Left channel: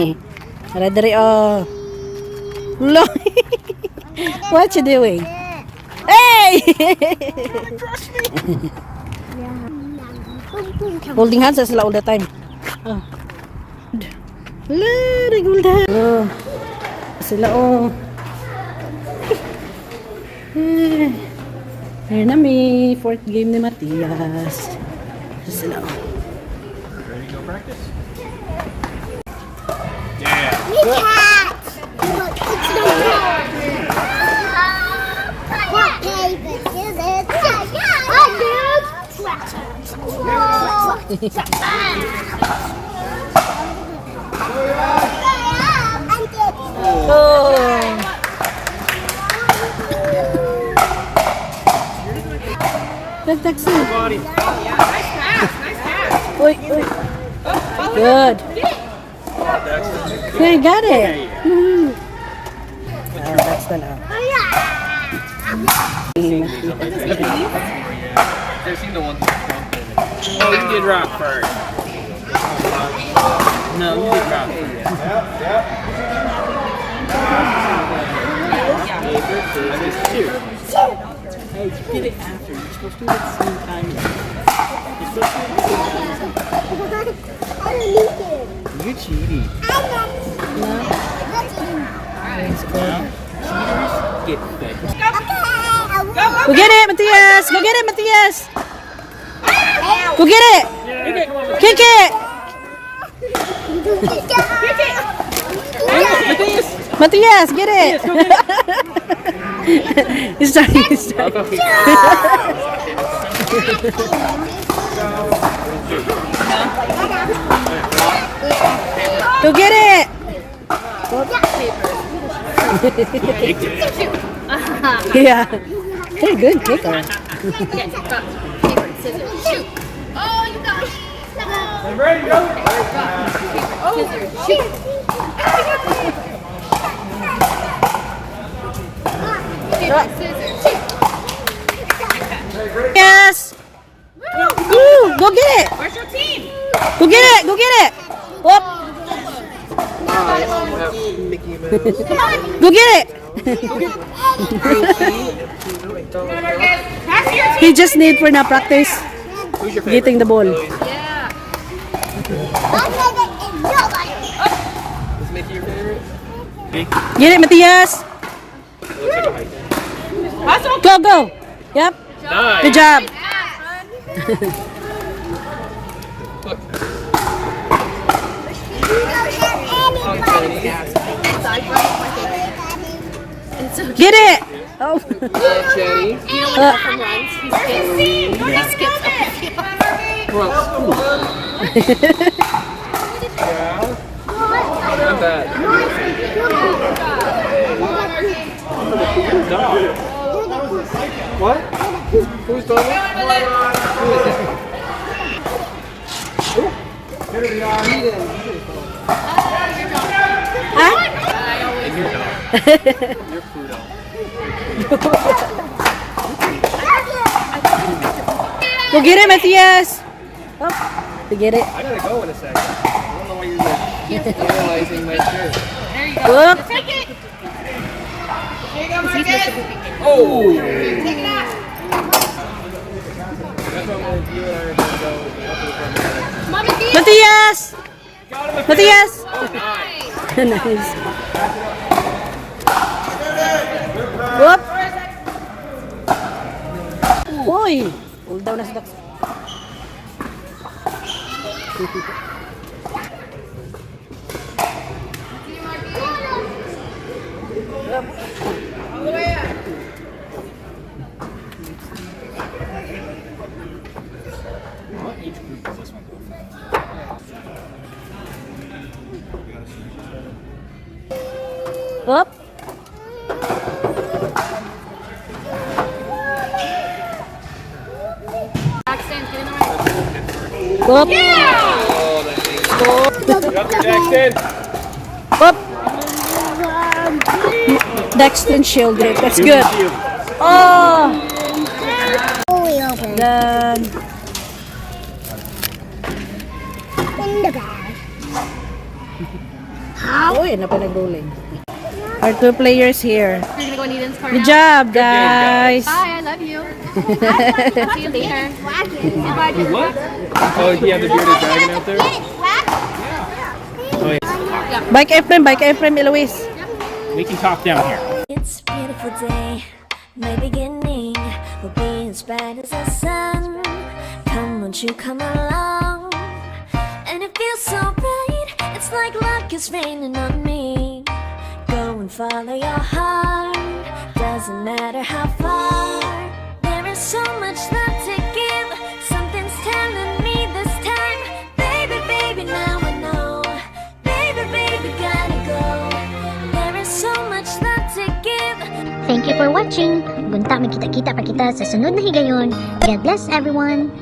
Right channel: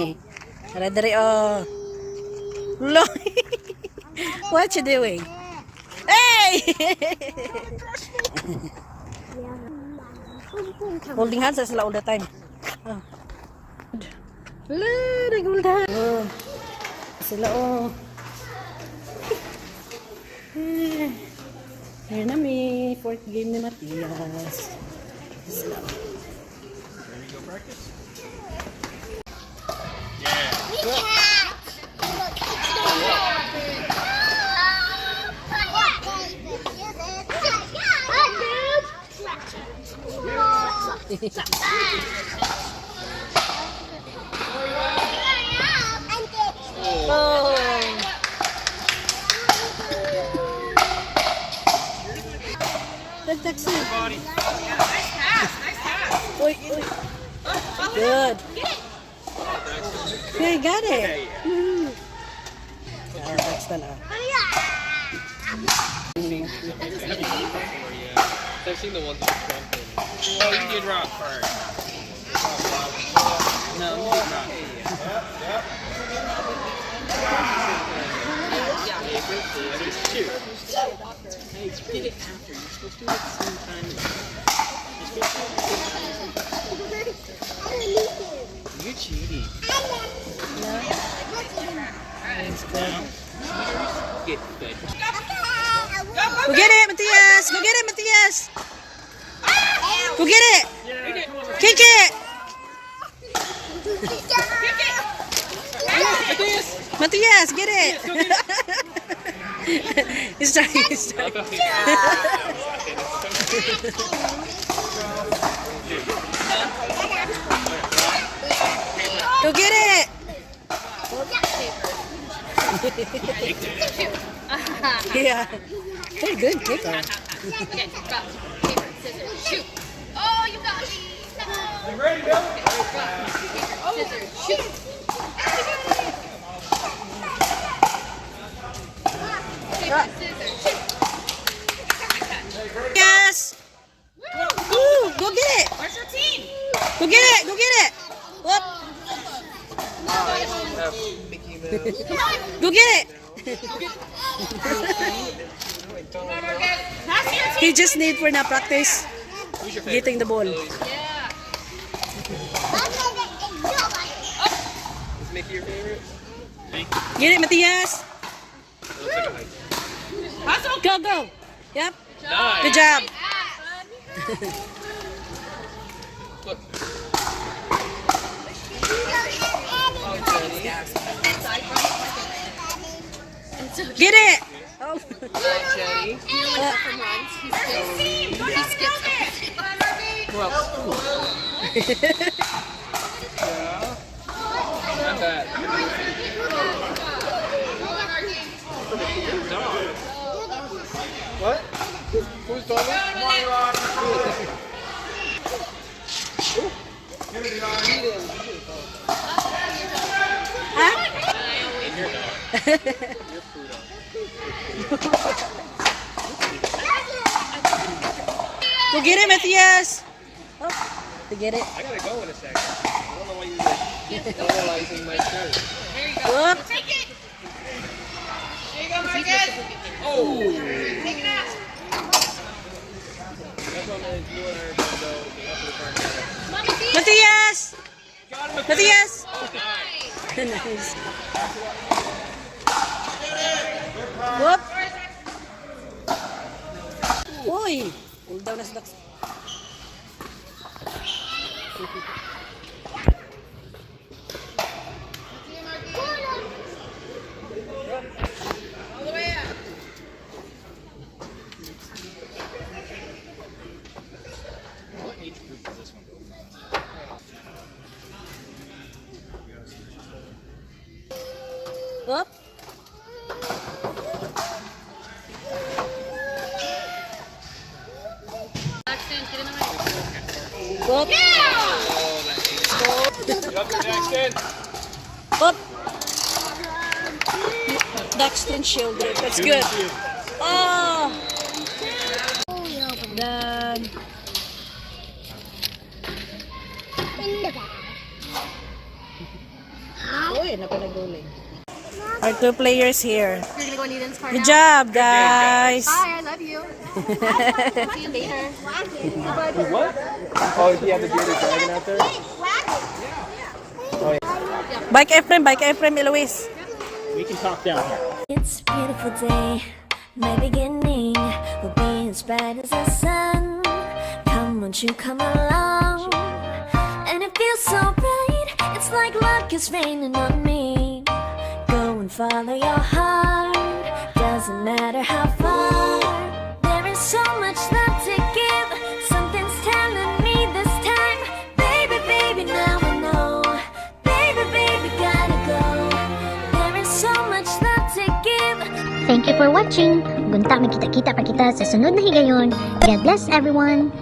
Radari, oh. Look. What you doing? Hey! Holding hands sila all the time. Oh. Hold hands. Oh. Sila, oh. Here na mi. Fourth game ni Matias. Sila, oh. Ready to go practice? Look, it's no rock, paper, scissors, Oh. Taxi. Body. Oi, oi. Good. Yeah, you got it. That's done now. I've seen the ones with the Oh, you did rock first. No, you did rock. Hey, you did it after. You're supposed to do it at the same time. You're supposed to do it at the same time. You're cheating. No? It's good. Get fed. Go get it, Matias! Go get it, Matias! Go get it! Kick it! Matias, get it! He's trying, he's trying. Go get it! Yeah. You're a good kicker. Oh, you got it. Ready, go. Yes! Woo! Go get it! Where's your team? Go get it! Go get it! Whoop! Mickey Mouse. Go get it! He just need for na practice Who's your favorite? getting the ball. Yeah. Is Mickey your favorite? Get it, Matias! Hustle. Go, go! Yep. Nice. Good job. Get it! Oh. Jenny. You know when Malcolm runs, he skips up the field. Yeah. Not bad. Dog. What? Who's dog? Huh? And your dog. You're Pluto. Go get it, Matias! Oh, to get it. I gotta go in a second. I don't know why you're just analyzing my shirt. Whoop! Take it. There you go, Marcus. Oh! That's what I'm gonna do. And I'm gonna go up to the front. Mom and Dee. Matias! Got him. Matias! Oh, nice. Nice. Whoop! Uy! Hold down na sa ducks. What age group does this one go for? Whoop! Jackson, get in the right. Whoop! Oh, that's easy. Get up there, Jackson. Whoop! Dexter shield grip. That's good. Oh! Done. In the bag. Oh, yan na pa nag-rolling. Our 2 players here. You're gonna go in Eden's car Good now? job, guys. Bye, I love you. See you later. What? Oh, do you have the bearded dragon out there? Oh, yeah. Bike Ephraim, Eloise. We can talk down here. It's a beautiful day, my beginning will be as bright as the sun. Come, won't you come along? And it feels so bright, it's like luck is raining on me. Go and follow your heart, doesn't matter how far. There is so much love to give, something's telling me this time. Baby, baby, now I know. Baby, baby, gotta go. There is so much love to give. Thank you for watching. Gunta, magkita-kita pa kita sa sunod na higayon. God bless everyone.